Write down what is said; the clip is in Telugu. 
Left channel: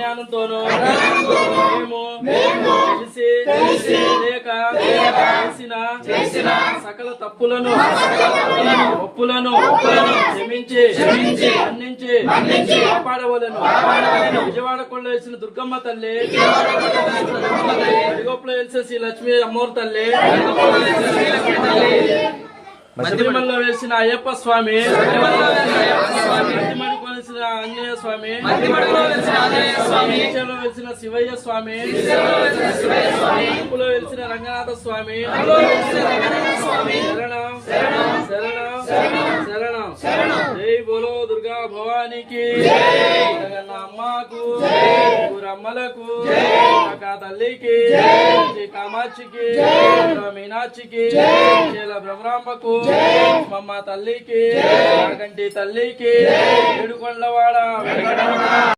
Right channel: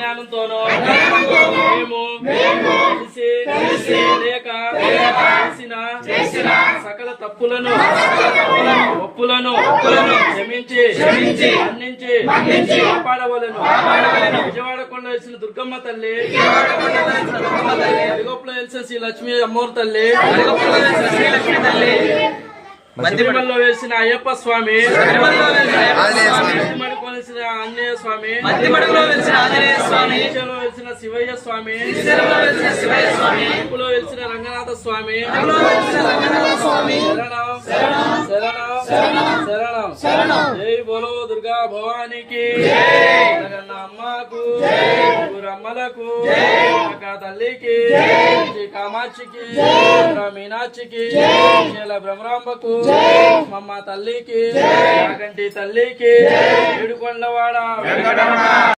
అజ్ఞానంతోనో మేము తెలిసి లేక చేసిన సకల తప్పులను ఒప్పులను క్షమించి మన్నించి కాపాడవలను. విజయవాడ కొండ వేసిన దుర్గమ్మ తల్లి, అడిగొప్పులో వేసిన శ్రీ లక్ష్మీ అమ్మోరు తల్లి, మధ్యమల్లో వేసిన అయ్యప్ప స్వామి, మధ్యమడిలో వేసిన ఆంజనేయ స్వామి, మధ్యలో వేసిన శివయ్య స్వామి, లో వేసిన రంగనాథ స్వామి, శరణం శరణం. జై బోలో దుర్గా భవానికి, జగన్న అమ్మకు, ఊరమ్మలకు, తల్లికి, శ్రీ కామాక్షికి, మీనాక్షికి, బ్రహ్మరాంబకు, మమ్మ తల్లికి, నాగంటి తల్లికి, ఏడుకొండలవాడ